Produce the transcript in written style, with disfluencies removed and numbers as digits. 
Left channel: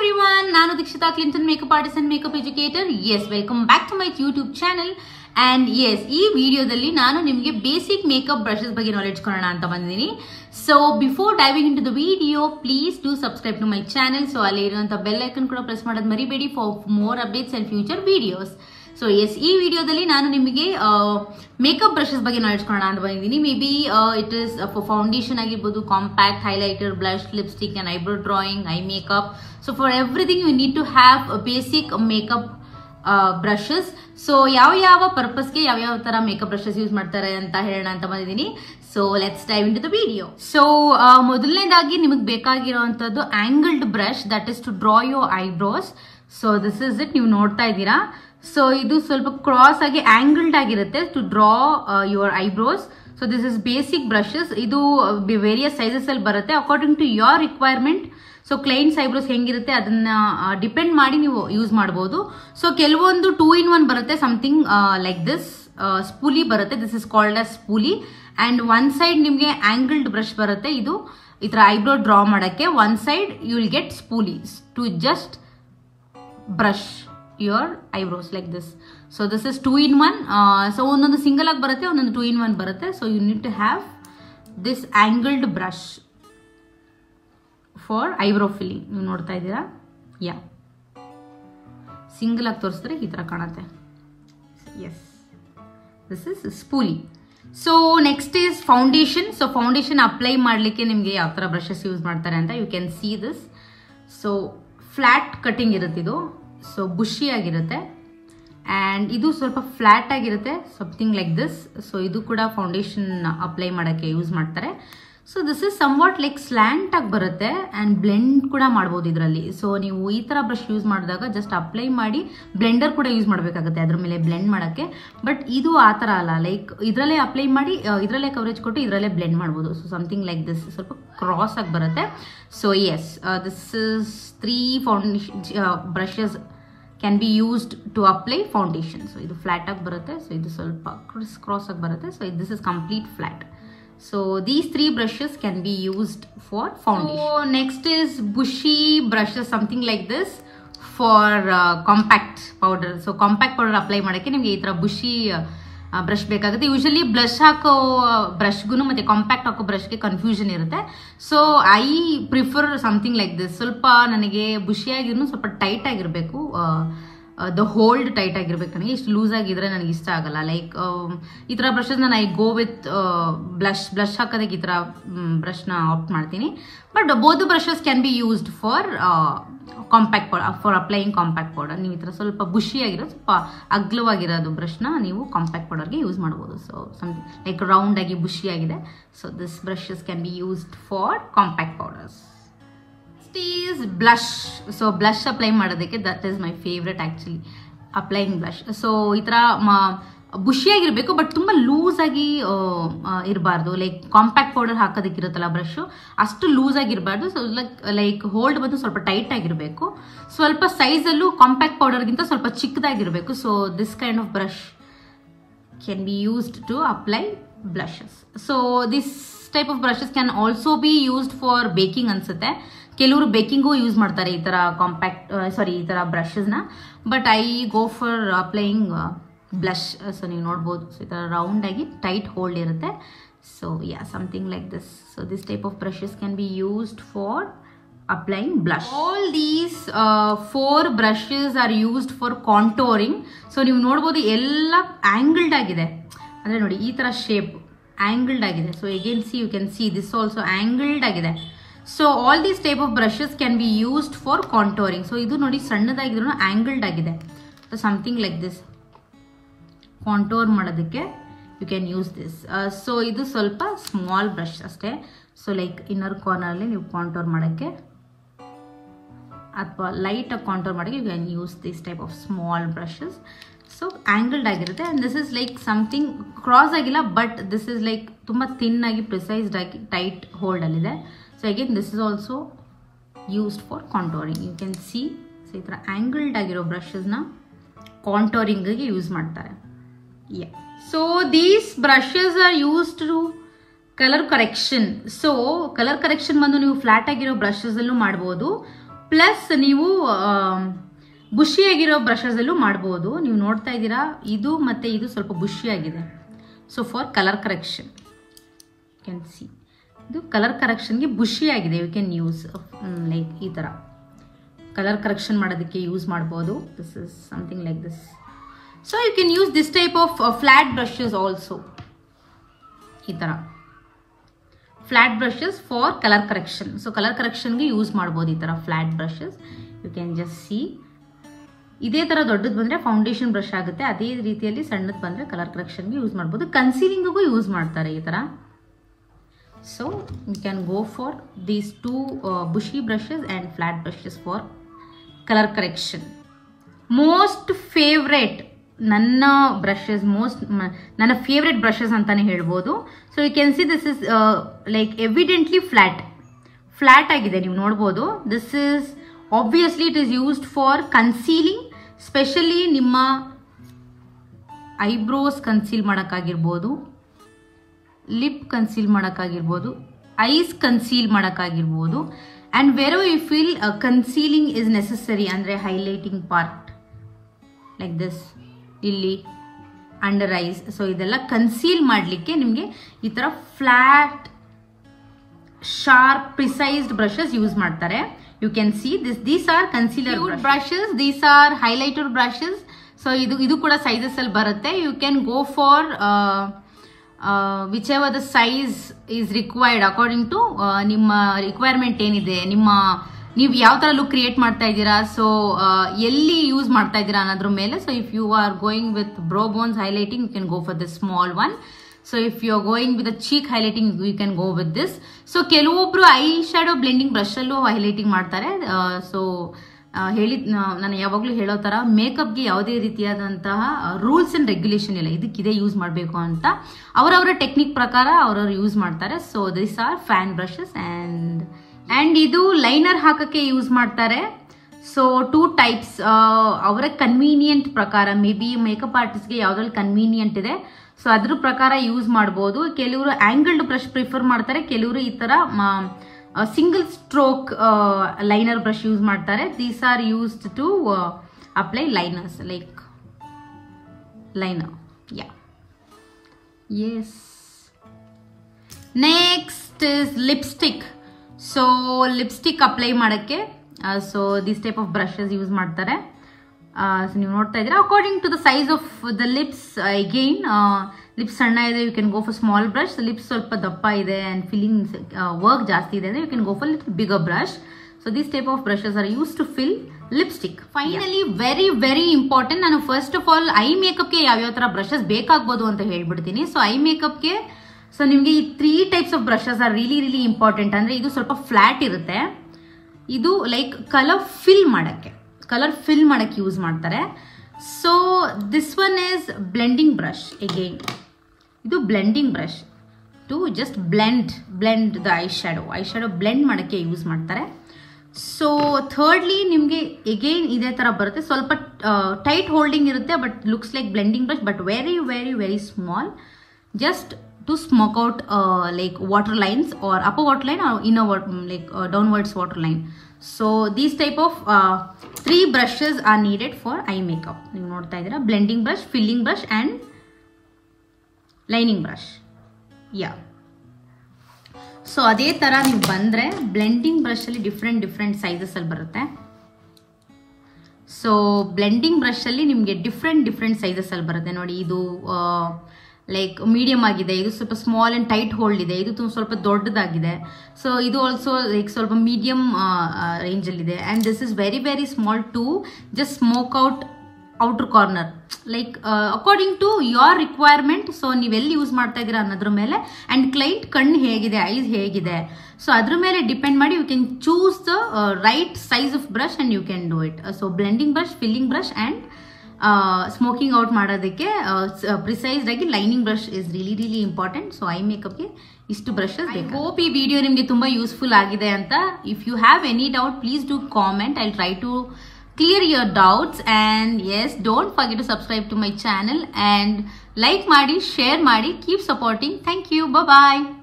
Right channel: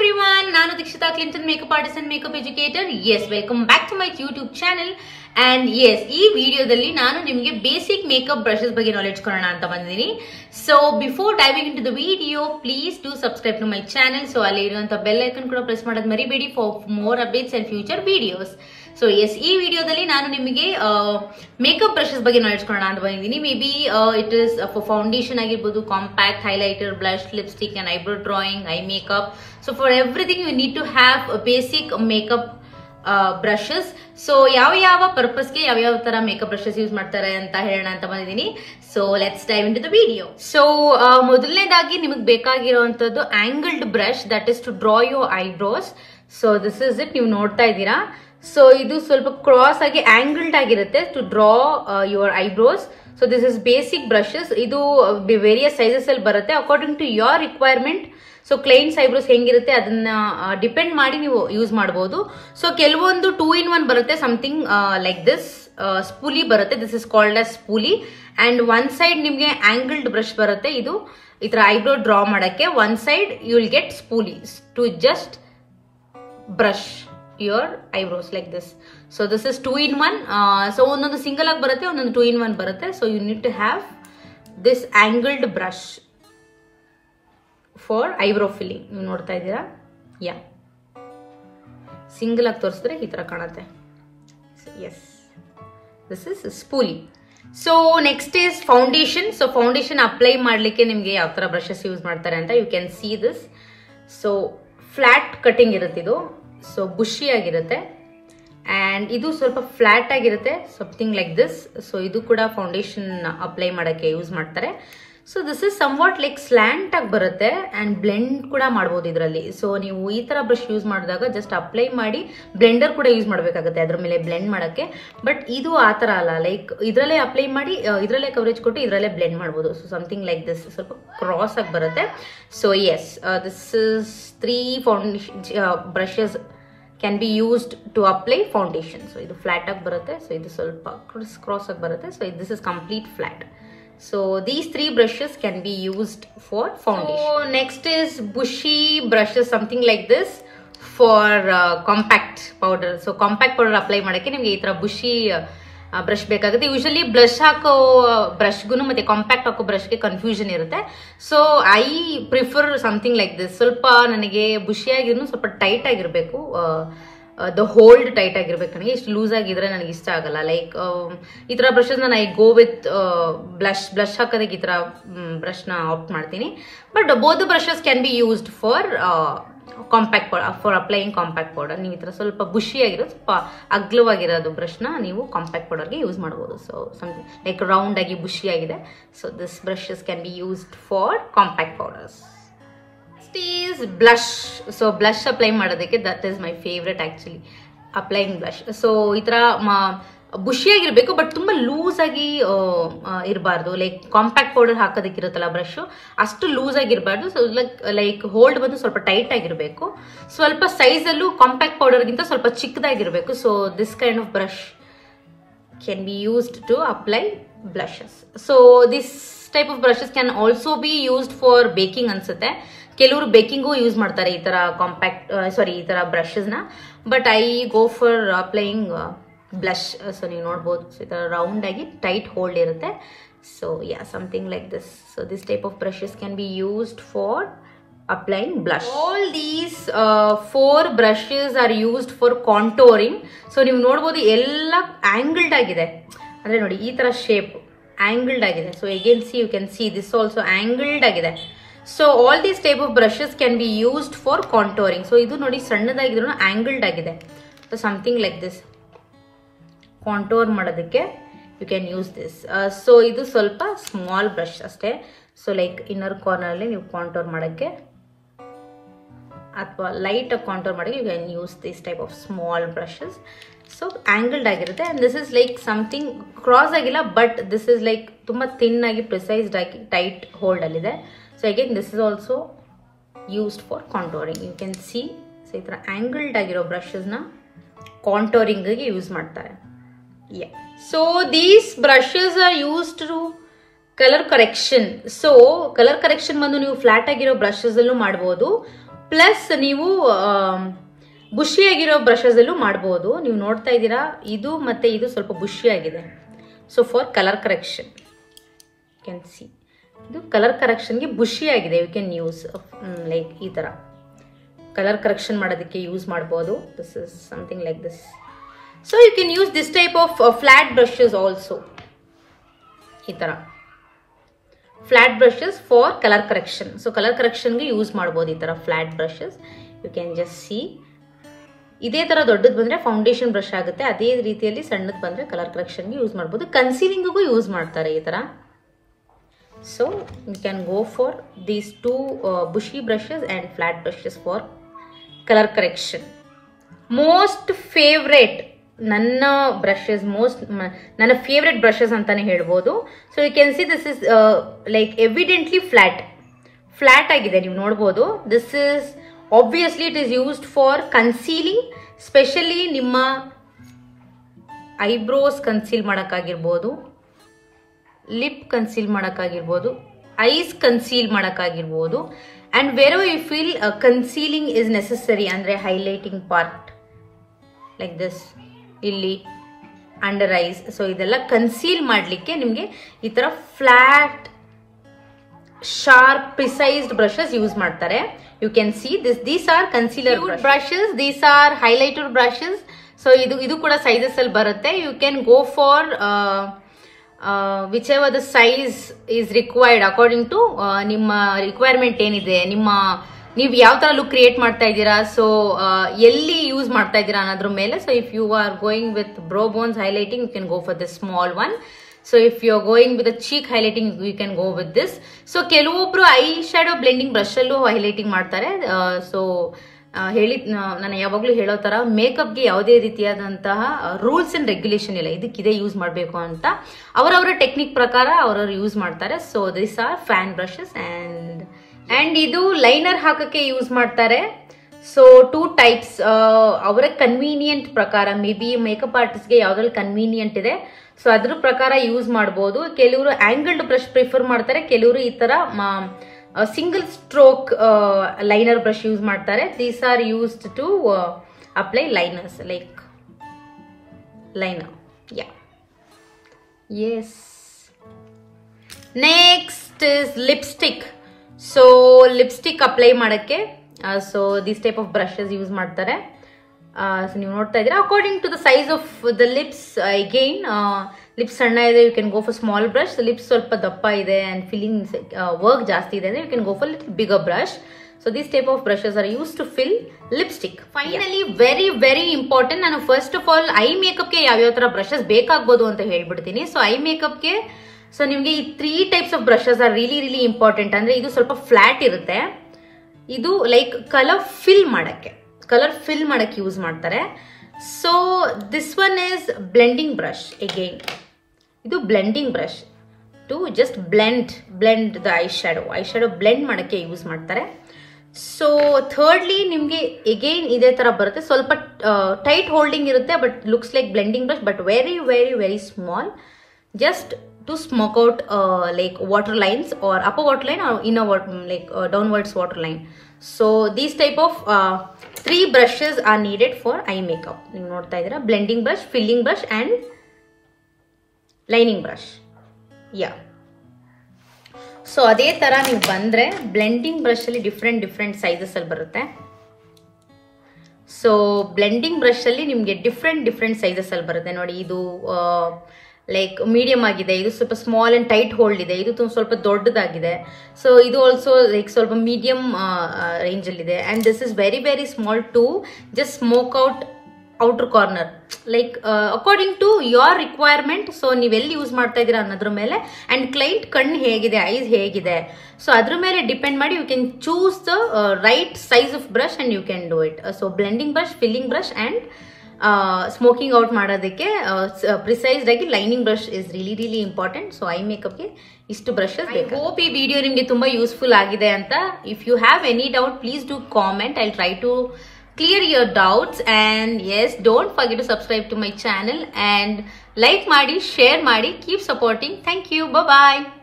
everyone, ನಾನು Dikshita Clinton makeup artist and makeup educator. Yes, welcome back to my YouTube channel. And yes, ಈ ವಿಡಿಯೋದಲ್ಲಿ ನಾನು ನಿಮಗೆ basic makeup brushes ಬಗ್ಗೆ knowledge ಕೊಡೋಣ ಅಂತ ಬಂದಿದ್ದೀನಿ. So before diving into the video, please do subscribe to my channel. So ಅಲ್ಲಿ ಇರುವಂತ ಬೆಲ್ ಐಕನ್ ಕೂಡ ಪ್ರೆಸ್ ಮಾಡೋದು ಮರಿಬೇಡಿ for more updates and future videos. So yes, ಈ ವಿಡಿಯೋದಲ್ಲಿ ನಾನು ನಿಮಗೆ ಮೇಕಪ್ ಬ್ರಷಸ್ ಬಗ್ಗೆ ನಾಲೆಡ್ಜ್ ಕೊಡೋಣ ಅಂತ ಬಂದಿದ್ದೀನಿ. May be it is for foundation ಆಗಿರ್ಬೋದು, compact, highlighter, blush, lipstick and eyebrow drawing, eye makeup. So for everything you need to have basic makeup brushes. So ಯಾವ ಪರ್ಪಸ್ಗೆ ಯಾವ ತರ ಮೇಕಪ್ ಬ್ರಷಸ್ ಯೂಸ್ ಮಾಡ್ತಾರೆ ಅಂತ ಹೇಳೋಣ ಅಂತ ಬಂದಿದ್ದೀನಿ. So let's dive into the video. So ಮೊದಲನೇದಾಗಿ ನಿಮಗೆ ಬೇಕಾಗಿರುವಂತದ್ದು angled brush, that is to draw your eyebrows. So this is it, ನೀವು ನೋಡ್ತಾ ಇದ್ದೀರಾ. ಸೊ ಇದು ಸ್ವಲ್ಪ ಕ್ರಾಸ್ ಆಗಿ ಆಂಗಲ್ಡ್ ಆಗಿರುತ್ತೆ to draw your eyebrows. So this is basic brushes. ಇದು ವೇರಿಯಸ್ ಸೈಜಸ್ ಅಲ್ಲಿ ಬರುತ್ತೆ according to your requirement. So clients eyebrows ಹೆಂಗಿರುತ್ತೆ ಅದನ್ನ ಡಿಪೆಂಡ್ ಮಾಡಿ ನೀವು ಯೂಸ್ ಮಾಡಬಹುದು. ಸೊ ಕೆಲವೊಂದು 2-in-1 ಬರುತ್ತೆ, ಸಮಥಿಂಗ್ ಲೈಕ್ ದಿಸ್ ಸ್ಪೂಲಿ ಬರುತ್ತೆ. This is called as spoolie. And one side ನಿಮ್ಗೆ ಆಂಗಲ್ಡ್ ಬ್ರಷ್ ಬರುತ್ತೆ. ಇದು ಈ ತರ ಐಬ್ರೋ ಡ್ರಾ ಮಾಡಕ್ಕೆ. One side you will get spoolies to just brush your eyebrows like this. So this is 2-in-1. So ಒಂದೊಂದು single ಆಗಿ ಬರುತ್ತೆ, ಒಂದೊಂದು 2-in-1 ಬರುತ್ತೆ. So you need to have this angled brush for eyebrow filling. ನೀವು ನೋಡ್ತಾ ಇದ್ದೀರಾ? ಯಾ, single ಆಗಿ ತೋರಿಸಿದ್ರೆ ಈ ತರ ಕಾಣುತ್ತೆ. Yes, this is spoolie. So next is foundation. So foundation apply ಮಾಡ್ಲಿಕ್ಕೆ ನಿಮ್ಗೆ ಯಾವ ತರ ಬ್ರಷಸ್ ಯೂಸ್ ಮಾಡ್ತಾರೆ ಅಂತ you can see this. So flat cutting ಇರುತ್ತೆ ಇದು. ಸೊ ಬುಷಿ ಆಗಿರುತ್ತೆ ಅಂಡ್ ಇದು ಸ್ವಲ್ಪ ಫ್ಲಾಟ್ ಆಗಿರುತ್ತೆ, ಸಮಥಿಂಗ್ ಲೈಕ್ ದಿಸ್. ಸೊ ಇದು ಕೂಡ ಫೌಂಡೇಶನ್ ಅಪ್ಲೈ ಮಾಡಕ್ಕೆ ಯೂಸ್ ಮಾಡ್ತಾರೆ. So this is somewhat like slant ಆಗಿ ಬರುತ್ತೆ ಅಂಡ್ ಬ್ಲೆಂಡ್ ಕೂಡ ಮಾಡಬಹುದು ಇದರಲ್ಲಿ. ಸೊ ನೀವು ಈ ತರ ಬ್ರಷ್ ಯೂಸ್ ಮಾಡಿದಾಗ ಜಸ್ಟ್ ಅಪ್ಲೈ ಮಾಡಿ ಬ್ಲೆಂಡರ್ ಕೂಡ ಯೂಸ್ ಮಾಡಬೇಕಾಗುತ್ತೆ ಅದ್ರ ಮೇಲೆ ಬ್ಲೆಂಡ್ ಮಾಡಕ್ಕೆ. ಬಟ್ ಇದು ಆ ತರ ಅಲ್ಲ, ಲೈಕ್ ಇದರಲ್ಲೇ ಅಪ್ಲೈ ಮಾಡಿ ಇದರಲ್ಲೇ ಕವರೇಜ್ ಕೊಟ್ಟು ಇದರಲ್ಲೇ ಬ್ಲೆಂಡ್ ಮಾಡಬಹುದು. ಸೊ ಸಮಥಿಂಗ್ ಲೈಕ್ ದಿಸ್, ಸ್ವಲ್ಪ ಕ್ರಾಸ್ ಆಗಿ ಬರುತ್ತೆ. So yes, this is 3 foundation brushes can be used to apply foundation. So ಇದು ಫ್ಲಾಟ್ ಆಗಿ ಬರುತ್ತೆ, ಸೊ ಇದು ಸ್ವಲ್ಪ ಕ್ರಾಸ್ ಆಗಿ ಬರುತ್ತೆ. So this is complete flat. So these 3 brushes can be used for foundation. So next is bushy brushes, something like this for compact powder. So compact powder apply ಮಾಡಕ್ಕೆ ನಿಮಗೆ ಈ ತರ bushy ಬ್ರಷ್ ಬೇಕಾಗುತ್ತೆ. Usually blush ಹಾಕೋ ಬ್ರಷ್ಗೂ ಮತ್ತೆ compact ಹಾಕೋ ಬ್ರಷ್ಗೆ confusion ಇರುತ್ತೆ. So I prefer something like this. ಸ್ವಲ್ಪ ನನಗೆ ಬುಷಿ ಆಗಿರೂ ಸ್ವಲ್ಪ ಟೈಟ್ ಆಗಿರಬೇಕು, ದ ಹೋಲ್ಡ್ ಟೈಟ್ ಆಗಿರ್ಬೇಕು. ನನಗೆ ಇಷ್ಟು ಲೂಸ್ ಆಗಿದ್ರೆ ನನಗೆ ಇಷ್ಟ ಆಗಲ್ಲ. ಲೈಕ್ ಈ ತರ ಬ್ರಷಸ್ ನಾನು ಐ ಗೋ ವಿತ್ ಬ್ಲಶ್ ಹಾಕೋದಕ್ಕೆ ಈ ತರ ಬ್ರಷ್ನ ಆಪ್ಟ್ ಮಾಡ್ತೀನಿ. But both brushes can be used for compact powder, for applying compact powder. ನೀವು ಈ ತರ ಸ್ವಲ್ಪ ಬುಷಿ ಆಗಿರೋದು, ಸ್ವಲ್ಪ ಅಗ್ಲವಾಗಿರೋದು ಬ್ರಷ್ನ ನೀವು ಕಾಂಪ್ಯಾಕ್ಟ್ ಪೌಡರ್ಗೆ ಯೂಸ್ ಮಾಡ್ಬೋದು. ಸೊ ಸಮಥಿಂಗ್ ಲೈಕ್ ರೌಂಡ್ ಆಗಿ ಬುಷಿ ಆಗಿದೆ. So this brushes can be used for compact powders. Is blush. So blush apply ಮಾಡೋದಕ್ಕೆ that is my favourite actually, applying blush. So ಈ ತರ ಬುಷಿಯಾಗಿರ್ಬೇಕು ಬಟ್ ತುಂಬಾ ಲೂಸ್ ಆಗಿ ಇರಬಾರ್ದು. ಲೈಕ್ ಕಾಂಪ್ಯಾಕ್ಟ್ ಪೌಡರ್ ಹಾಕೋದಕ್ಕಿರುತ್ತಲ್ಲ ಬ್ರಷ್, ಅಷ್ಟು ಲೂಸ್ ಆಗಿರಬಾರ್ದು. ಸೊ ಲೈಕ್ ಹೋಲ್ಡ್ ಬಂದು ಸ್ವಲ್ಪ ಟೈಟ್ ಆಗಿರಬೇಕು. ಸ್ವಲ್ಪ ಸೈಜ್ ಅಲ್ಲೂ ಕಾಂಪ್ಯಾಕ್ಟ್ ಪೌಡರ್ಗಿಂತ ಸ್ವಲ್ಪ ಚಿಕ್ಕದಾಗಿರ್ಬೇಕು. So this kind of brush can be used to apply blushes. So this type of brushes can also be used for baking ಅನ್ಸುತ್ತೆ. ಕೆಲವರು ಬೇಕಿಂಗು ಯೂಸ್ ಮಾಡ್ತಾರೆ ಈ ತರ ಈ ತರ ಬ್ರಷಸ್ನ. But I go for applying blush. So ನೀವು ನೋಡ್ಬೋದು, ಸೊ ಈ ತರ ರೌಂಡ್ ಆಗಿ ಟೈಟ್ ಹೋಲ್ಡ್ ಇರುತ್ತೆ. So yeah, something like this. So this type of brushes can be used for applying blush. All these 4 brushes are used for contouring. So ನೀವು ನೋಡ್ಬೋದು ಎಲ್ಲ angled ಆಗಿದೆ, ಅಂದ್ರೆ ನೋಡಿ ಈ ತರ ಶೇಪ್ ಆಂಗಲ್ಡ್ ಆಗಿದೆ. So again see, you can see this also angled ಆಗಿದೆ. So all these type of brushes can be used for contouring. So ಇದು ನೋಡಿ ಸಣ್ಣದಾಗಿದ್ರು ಆಂಗಲ್ಡ್ ಆಗಿದೆ. So something like this contour ಮಾಡೋದಕ್ಕೆ you can use this. So ಇದು ಸ್ವಲ್ಪ small brush ಅಷ್ಟೇ. So like inner corner ಅಲ್ಲಿ ನೀವು ಕಾಂಟೋರ್ ಮಾಡೋಕ್ಕೆ ಅಥವಾ ಲೈಟ್ ಆಗಿ ಕಾಂಟೋರ್ ಮಾಡೋಕ್ಕೆ you can use this type of small brushes. So angled ಆಗಿರುತ್ತೆ. And this is like something cross ಆಗಿಲ್ಲ, ಬಟ್ ದಿಸ್ ಇಸ್ ಲೈಕ್ ತುಂಬಾ ಥಿನ್ ಆಗಿ ಪ್ರಿಸೈಸ್ಡ್ ಆಗಿ ಟೈಟ್ ಹೋಲ್ಡ್ ಅಲ್ಲಿದೆ. So again this is also used for contouring. You can see. So ಈ ತರ angled ಆಗಿರೋ ಬ್ರಷಸ್ನ ಕಾಂಟೋರಿಂಗ್ಗೆ ಯೂಸ್ ಮಾಡ್ತಾರೆ. Yeah, so these brushes are used to colour correction. So colour correction ಬಂದು ನೀವು ಫ್ಲಾಟ್ ಆಗಿರೋ ಬ್ರಷಸ್ ಅಲ್ಲೂ ಮಾಡಬಹುದು. ಪ್ಲಸ್ ನೀವು ಬುಷಿಯಾಗಿರೋ ಬ್ರಷಸಲ್ಲೂ ಮಾಡ್ಬೋದು. ನೀವು ನೋಡ್ತಾ ಇದ್ದೀರಾ ಇದು ಮತ್ತು ಇದು ಸ್ವಲ್ಪ ಬುಷಿಯಾಗಿದೆ. So for colour correction can see, ಇದು ಕಲರ್ ಕರೆಕ್ಷನ್ಗೆ ಬುಷಿಯಾಗಿದೆ. ಯು ಕ್ಯಾನ್ ಯೂಸ್ ಲೈಕ್ ಈ ಥರ ಕಲರ್ ಕರೆಕ್ಷನ್ ಮಾಡೋದಕ್ಕೆ ಯೂಸ್ ಮಾಡ್ಬೋದು. This is something like this. So you can use this type of flat brushes also. ಈ ಥರ flat brushes for colour correction. So colour ಕರೆಕ್ಷನ್ಗೆ ಯೂಸ್ ಮಾಡ್ಬೋದು ಈ ಥರ flat brushes. You can just see. ಇದೇ ಥರ ದೊಡ್ಡದು ಬಂದರೆ ಫೌಂಡೇಶನ್ ಬ್ರಷ್ ಆಗುತ್ತೆ, ಅದೇ ರೀತಿಯಲ್ಲಿ ಸಣ್ಣದು ಬಂದರೆ ಕಲರ್ ಕರೆಕ್ಷನ್ಗೆ ಯೂಸ್ ಮಾಡ್ಬೋದು. ಕನ್ಸೀಲಿಂಗಿಗೂ ಯೂಸ್ ಮಾಡ್ತಾರೆ ಈ ಥರ. So you can go for these two bushy brushes and flat brushes for colour correction. Most favourite ನನ್ನ ಬ್ರಷಸ್, ನನ್ನ ಫೇವ್ರೆಟ್ ಬ್ರಷಸ್ ಅಂತಾನೆ ಹೇಳ್ಬೋದು. So you can see this is like evidently flat ಆಗಿದೆ, ನೀವು ನೋಡ್ಬೋದು. This is obviously it is used for concealing, specially ನಿಮ್ಮ eyebrows conceal ಮಾಡೋಕ್ಕಾಗಿರ್ಬೋದು, lip conceal ಮಾಡೋಕ್ಕಾಗಿರ್ಬೋದು, ಐಸ್ ಕನ್ಸೀಲ್ ಮಾಡೋಕ್ಕಾಗಿರ್ಬೋದು. And where you feel concealing is necessary, ಅಂದರೆ highlighting part like this, ಇಲ್ಲಿ under eyes. So ಇದೆಲ್ಲ ಕನ್ಸೀಲ್ ಮಾಡಲಿಕ್ಕೆ ನಿಮಗೆ ಈ ಥರ flat sharp precised brushes use ಮಾಡ್ತಾರೆ. You can see these are concealer brushes, these are highlighter brushes. So ಇದು ಕೂಡ ಸೈಜಸ್ ಅಲ್ಲಿ ಬರುತ್ತೆ. You can go for whichever the size is required according to ನಿಮ್ಮ ರಿಕ್ವೈರ್ಮೆಂಟ್ ಏನಿದೆ, ನೀವು ಯಾವ ಥರ ಲುಕ್ ಕ್ರಿಯೇಟ್ ಮಾಡ್ತಾ ಇದ್ದೀರಾ, ಸೊ ಎಲ್ಲಿ ಯೂಸ್ ಮಾಡ್ತಾ ಇದ್ದೀರಾ ಅನ್ನೋದ್ರ ಮೇಲೆ. So if you are going with brow bones highlighting, you can go for the small one. So if you are going with cheek highlighting, you can go with this. So ಕೆಲವೊಬ್ರು eye shadow blending ಬ್ರಷಲ್ಲೂ highlighting ಮಾಡ್ತಾರೆ. So ನಾನು ಯಾವಾಗಲೂ ಹೇಳೋ ಥರ ಮೇಕಪ್ಗೆ ಯಾವುದೇ ರೀತಿಯಾದಂತಹ rules and regulation ಇಲ್ಲ, ಇದಕ್ಕಿದೆ ಯೂಸ್ ಮಾಡಬೇಕು ಅಂತ. ಅವರವರ ಟೆಕ್ನಿಕ್ ಪ್ರಕಾರ ಅವರವರು ಯೂಸ್ ಮಾಡ್ತಾರೆ. So this are fan brushes. And ಇದು ಲೈನರ್ ಹಾಕೋಕ್ಕೆ ಯೂಸ್ ಮಾಡ್ತಾರೆ. ಸೊ ಟೂ ಟೈಪ್ಸ್, ಅವರ ಕನ್ವೀನಿಯಂಟ್ ಪ್ರಕಾರ, ಮೇ ಬಿ ಮೇಕಪ್ ಆರ್ಟಿಸ್ಟ್ಗೆ ಯಾವುದ್ರಲ್ಲಿ ಕನ್ವೀನಿಯಂಟ್ ಇದೆ ಸೊ ಅದ್ರ ಪ್ರಕಾರ ಯೂಸ್ ಮಾಡ್ಬೋದು. ಕೆಲವರು ಆಂಗಲ್ಡ್ ಬ್ರಷ್ ಪ್ರಿಫರ್ ಮಾಡ್ತಾರೆ, ಕೆಲವರು ಈ ಥರ single stroke liner brush use ಮಾಡ್ತಾರೆ. These are used to apply liners like liner. Yeah, yes. Next is lipstick. So lipstick apply ಮಾಡೋಕ್ಕೆ so this type of brushes use ಮಾಡ್ತಾರೆ. So ನೀವು ನೋಡ್ತಾ ಇದ್ದೀರಾ, according to the size of the lips. Again lips ಸಣ್ಣ ಇದೆ, you can go for small brush. Lips ಸ್ವಲ್ಪ ದಪ್ಪ ಇದೆ ಆ್ಯಂಡ್ ಫಿಲ್ಲಿಂಗ್ ವರ್ಕ್ ಜಾಸ್ತಿ ಇದೆ ಅಂದರೆ you can go for little bigger brush. So this type of brushes are use to fill lipstick. Finally very very important, ನಾನು first of all I ಮೇಕಪ್ಗೆ ಯಾವ್ಯಾವ ಥರ ಬ್ರಷಸ್ ಬೇಕಾಗ್ಬೋದು ಅಂತ ಹೇಳ್ಬಿಡ್ತೀನಿ. ಸೊ ಐ ಮೇಕಪ್ಗೆ ಸೊ ನಿಮಗೆ ಈ 3 types of brushes are really really important. ಅಂದರೆ ಇದು ಸ್ವಲ್ಪ ಫ್ಲ್ಯಾಟ್ ಇರುತ್ತೆ, ಇದು ಲೈಕ್ ಕಲರ್ ಫಿಲ್ ಮಾಡೋಕ್ಕೆ ಯೂಸ್ ಮಾಡ್ತಾರೆ. So this one is blending brush. Again ಇದು blending brush to just blend the eye shadow blend ಮಾಡೋಕ್ಕೆ ಯೂಸ್ ಮಾಡ್ತಾರೆ. ಸೊ ಥರ್ಡ್ಲಿ ನಿಮಗೆ ಅಗೈನ್ ಇದೇ ಥರ ಬರುತ್ತೆ, ಸ್ವಲ್ಪ ಟೈಟ್ ಹೋಲ್ಡಿಂಗ್ ಇರುತ್ತೆ, but looks like blending brush, but very very very small, just to smoke out like water lines or upper water line or inner like downwards water line. So these type of 3 brushes are needed for eye makeup. ನೀವು ನೋಡ್ತಾ ಇದ್ದೀರಾ, blending brush, filling brush and lining brush. Yeah. So ಅದೇ ಥರ ನೀವು ಬಂದರೆ blending ಬ್ರಷಲ್ಲಿ different sizes ಅಲ್ಲಿ ಬರುತ್ತೆ. So blending ಬ್ರಷಲ್ಲಿ ನಿಮಗೆ ಡಿಫ್ರೆಂಟ್ ಸೈಜಸ್ ಅಲ್ಲಿ ಬರುತ್ತೆ. ನೋಡಿ, ಇದು ಲೈಕ್ ಮೀಡಿಯಮ್ ಆಗಿದೆ, ಇದು ಸ್ವಲ್ಪ ಸ್ಮಾಲ್ ಅಂಡ್ ಟೈಟ್ ಹೋಲ್ಡ್ ಇದೆ, ಇದು ಸ್ವಲ್ಪ ದೊಡ್ಡದಾಗಿದೆ. ಸೊ ಇದು ಆಲ್ಸೋ ಲೈಕ್ ಸ್ವಲ್ಪ ಮೀಡಿಯಮ್ ರೇಂಜಲ್ಲಿದೆ. And this is very very small to just smoke out outer corner, like according to your requirement. So ನೀವೆಲ್ಲಿ ಯೂಸ್ ಮಾಡ್ತಾ ಇದ್ದೀರಾ ಅನ್ನೋದ್ರ ಮೇಲೆ, ಆ್ಯಂಡ್ ಕ್ಲೈಂಟ್ ಕಣ್ಣು ಹೇಗಿದೆ, ಐಸ್ ಹೇಗಿದೆ, ಸೊ ಅದ್ರ ಮೇಲೆ ಡಿಪೆಂಡ್ ಮಾಡಿ you can choose the right size of brush and you can do it. So blending brush, filling brush and smoking out ಮಾಡೋದಕ್ಕೆ ಪ್ರಿಸೈಸ್ಡ್ ಆಗಿ lining brush is really really important. So I ಮೇಕಪ್ಗೆ ಇಷ್ಟು brushes. I hope ಈ video ನಿಮಗೆ ತುಂಬ useful ಆಗಿದೆ ಅಂತ. If you have any doubt, please do comment. I try to clear your doubts. And yes, don't forget to subscribe to my channel and like ಮಾಡಿ, share ಮಾಡಿ, keep supporting. Thank you. Bye bye.